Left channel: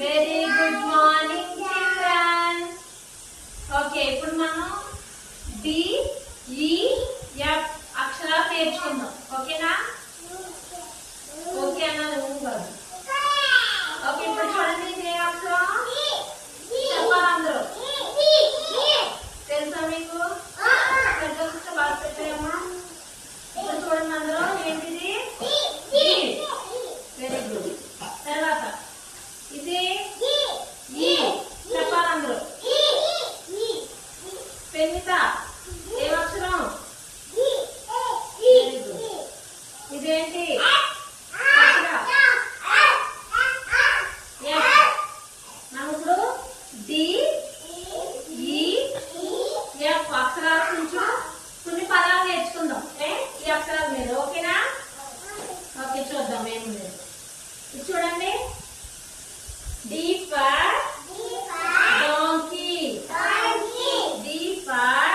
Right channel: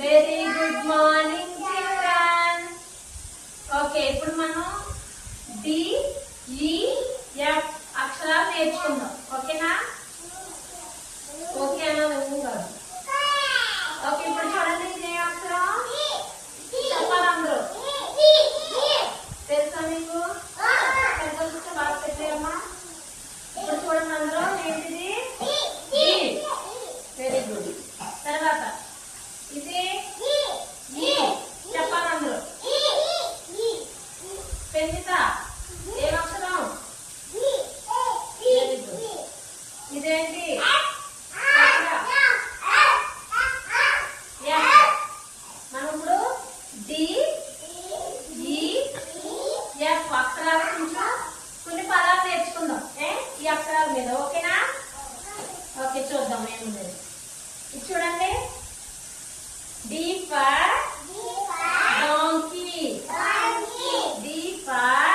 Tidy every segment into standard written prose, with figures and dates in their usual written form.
Very good morning children. Okay, ఇప్పుడు మనం D ఈ ఎఫ్ అక్షరాలు నేర్చుకుందాం. ఓకేనా? ఓకే అన్నది కాదు. ఓకే, ఇప్పుడు చూడండి ఇదే అక్షరం చెప్పాలి అందరూ. తెలుసా మీకు? పెద్ద బాగా పెట్టాయమ్మా. ఇప్పుడు చూడండి అందరూ ఏంటిది? Very good. తర్వాత ఇది ఈ చెప్పాలి అందరూ. పెన్నిత ఏం అక్షరం? Very good. ఇదేంటి? మనం ఇప్పుడు డి ఈ ఎఫ్ అక్షరాల కొంచెం కొన్ని పదాలు నేర్చుకుందాం ఈ అక్షరాల మీద. ఓకేనా? ఓకే, చూద్దాం ఏముంది. ఇది చూడండి. D for donkey, D for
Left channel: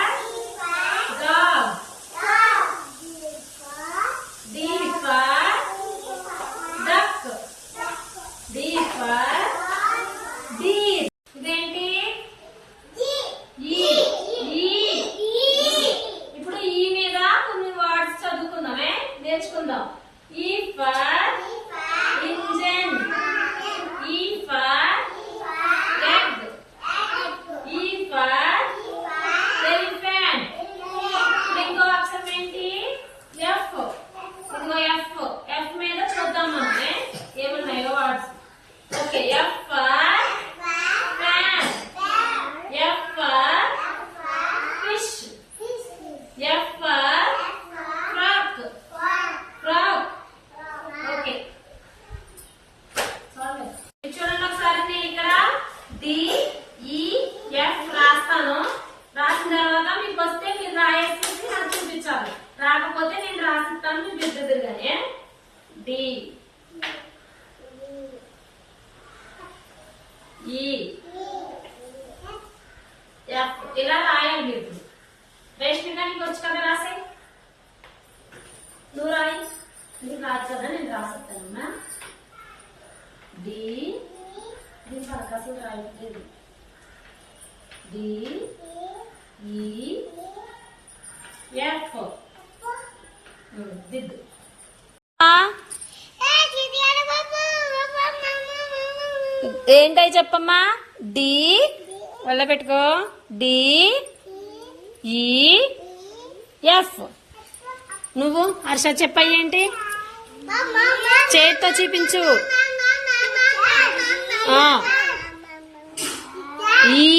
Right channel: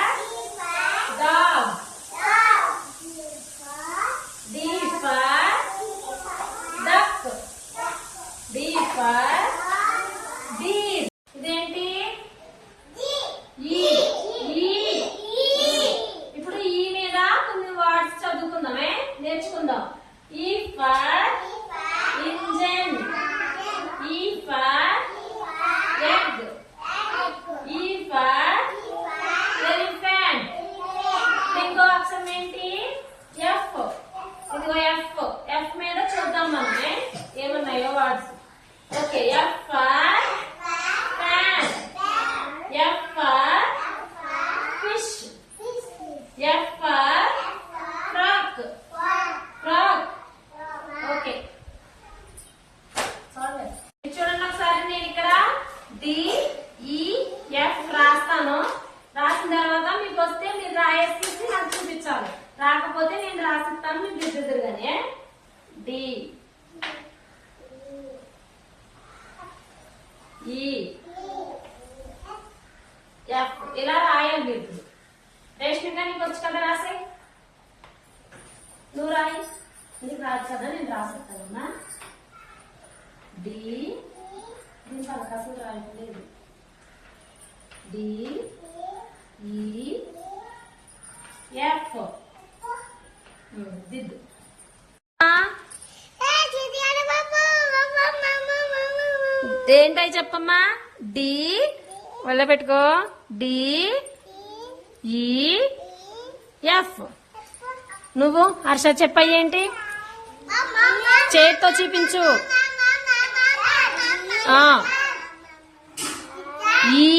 dog, D for duck, D for deer. ఇదేంటి? ఇప్పుడు ఈ మీద కొన్ని వర్డ్స్ చదువుకుందామే, నేర్చుకుందాం. ఈ ఫర్ ఇంజన్, ఈ for egg, E for elephant. ఇంకో అక్షరం ఏంటి? F. ఇదిగో F. F మీద చూద్దాం మనం ఏమున్నాయో words. Okay, F for fan, F for fish, F for frog. Okay, చూడండి ఒకసారి. నేను ఇక్కడ డి ఈ ఎఫ్ రాస్తాను. రాసిన తర్వాత మీకు వస్తే మీరు రాయేసి నాకు చూపించాలి. రాకపోతే నేను రాసిస్తాను, మీకు దిద్దుదురుగానే. డి ఈ ఎఫ్ ఇలా రాయండి. ఇప్పుడు రేష్మిగా నీకు వచ్చి కదా రాసాయి. నువ్వు రాయి. నీకు రాదు కదా, నేను రాసిస్తానమ్మా. డి దీని పలకాసం రాయట్లేదు. డి ఈ ఎఫ్ దిద్దు. ఏంటై చెప్పమ్మా? డి వల్ల పెట్టుకో. డి ఈ ఎఫ్. నువ్వు హర్ష చెప్పాయి ఏంటి? చేతితో చూపించు. ఈ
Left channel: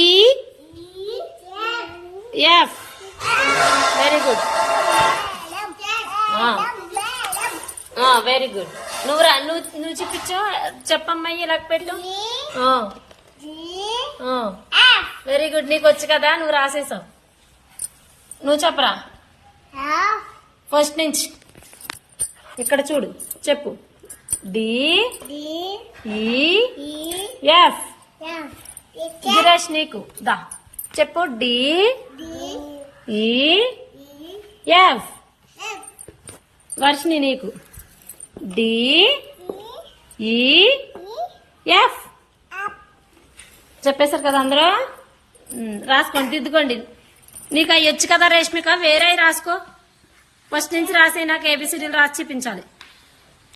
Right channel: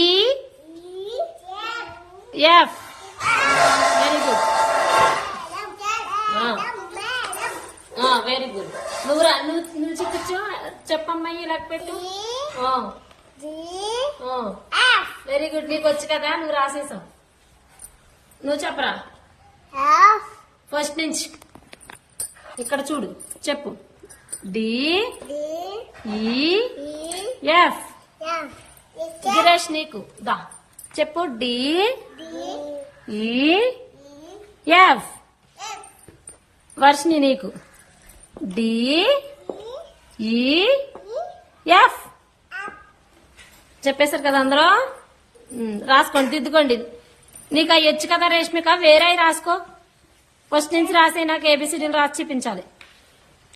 F. Very good, very good. నువ్వు చూపించు. చెప్పమ్మాయి ఇలా పెట్టు. Very good. నీకు వచ్చు కదా, నువ్వు రాసేసావు. నువ్వు చెప్పరా ఫస్ట్ నుంచి. ఇక్కడ చూడు, చెప్పు. డి ఈ ఎఫ్. గిరేష్ నీకు దా చెప్పు. డి ఈ ఎఫ్. వర్షిని నీకు డి ఈ ఎఫ్. చెప్పేశారు కదా అందరూ? రాసుకోండి, దిద్దుకోండి. నీకు అవి వచ్చు కదా రేష్మిక, వేరే రాసుకో. ఫస్ట్ నుంచి రాసే నాకు ఏబిసిడీలు రాసి చూపించాలి.